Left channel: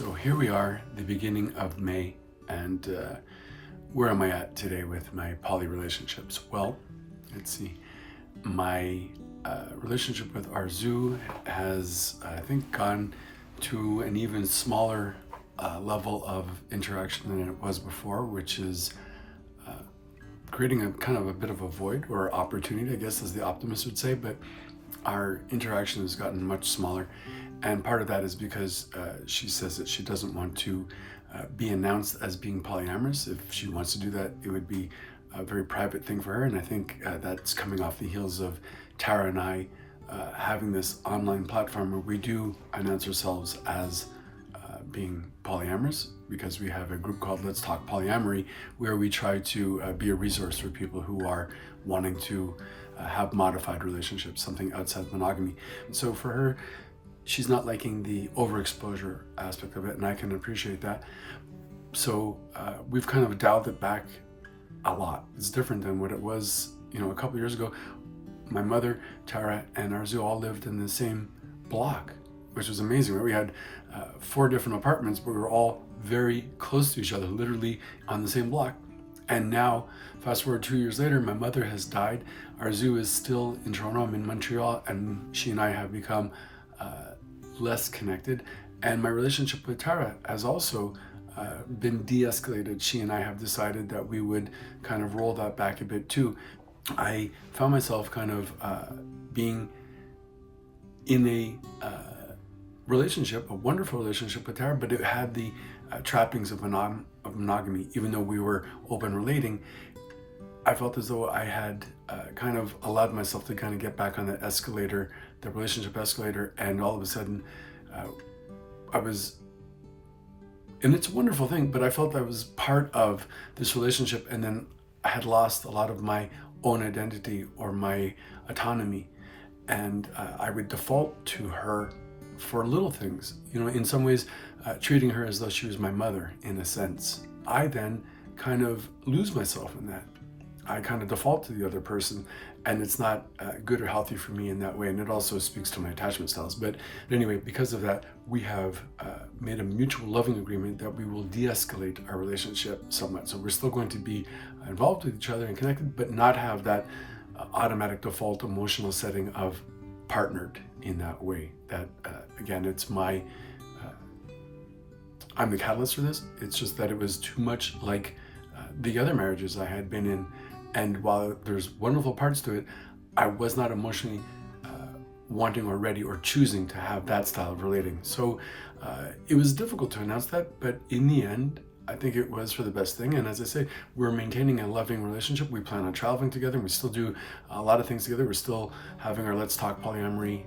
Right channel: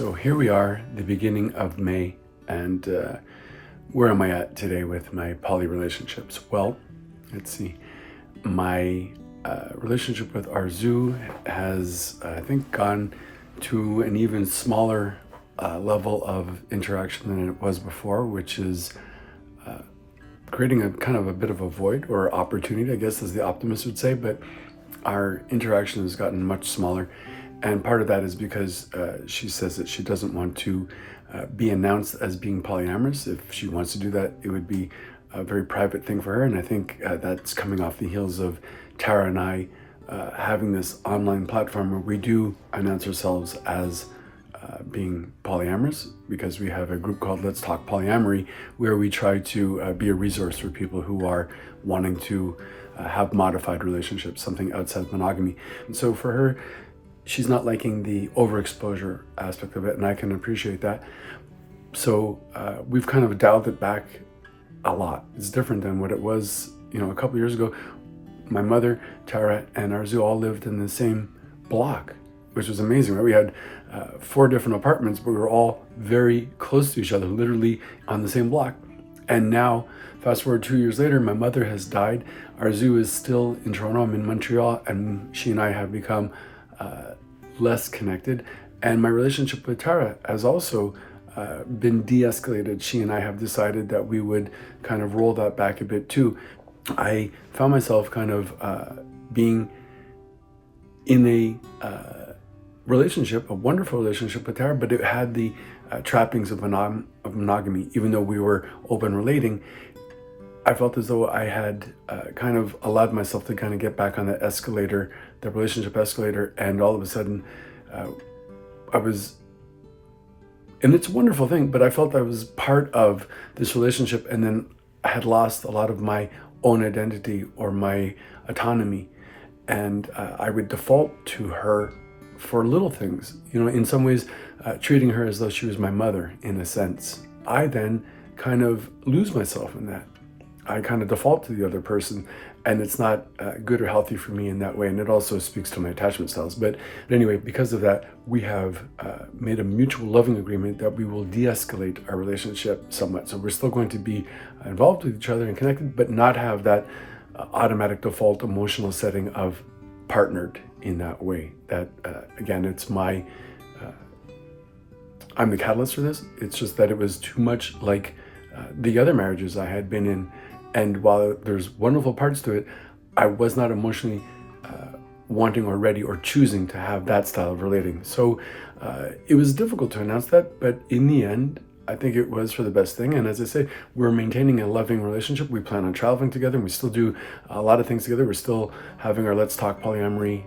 So here we are, the beginning of May, and where am I at today with my poly relationships? Well, let's see. My relationship with Arzu has, I think, gone to an even smaller level of interaction than it was before, which is creating a kind of a bit of a void or opportunity, I guess, as the optimist would say, but our interaction has gotten much smaller. And part of that is because she says that she doesn't want to be announced as being polyamorous. If she wants to do that, it would be a very private thing for her. And I think that's coming off the heels of Tara and I having this online platform where we do announce ourselves as being polyamorous, because we have a group called Let's Talk Polyamory, where we try to be a resource for people who are wanting to have modified relationships, something outside monogamy. And so for her, she's not liking the overexposure aspect of it, and I can appreciate that. So we've kind of dialed it back a lot. It's different than what it was, a couple years ago. My mother, Tara, and Arzu all lived in the same block, which was amazing, right? We had 4 different apartments, but we were all very close to each other, literally on the same block. And now, fast forward 2 years later, my mother has died. Arzu is still in Toronto, I'm in Montreal, and she and I have become less connected. And my relationship with Tara has also been de-escalated. She and I have decided that we would kind of roll that back a bit too. I found myself kind of being in a relationship, a wonderful relationship with Tara, but it had the trappings of monogamy. Even though we were open relating, I felt as though I had kind of allowed myself to kind of get back on the escalator, the relationship escalator, and all of a sudden I was, and it's a wonderful thing, but I felt I was part of this relationship, and then I had lost a lot of my own identity or my autonomy, and I would default to her for little things, in some ways treating her as though she was my mother in a sense. I then kind of lose myself in that. I kind of default to the other person, and it's not good or healthy for me in that way. And it also speaks to my attachment styles. But anyway, because of that, we have made a mutual loving agreement that we will de-escalate our relationship somewhat. So we're still going to be involved with each other and connected, but not have that automatic default emotional setting of partnered in that way. That again, it's my I'm the catalyst for this. It's just that it was too much like the other marriages I had been in, and while there's wonderful parts to it, I was not emotionally wanting or ready or choosing to have that style of relating. So it was difficult to announce that, but in the end, I think it was for the best thing. And as I say, we're maintaining a loving relationship. We plan on traveling together, and we still do a lot of things together. We're still having our Let's Talk Polyamory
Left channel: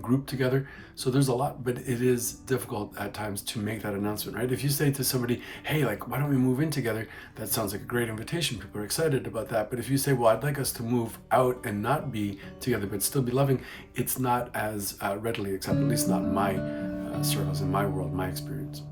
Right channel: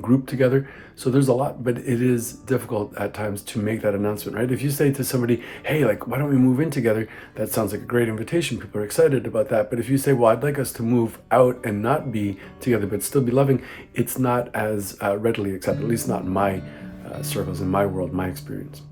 group together. So there's a lot, but it is difficult at times to make that announcement, right? If you say to somebody, hey, why don't we move in together? That sounds like a great invitation. People are excited about that. But if you say, well, I'd like us to move out and not be together, but still be loving, it's not as readily accepted, at least not in my circles, in my world, my experience.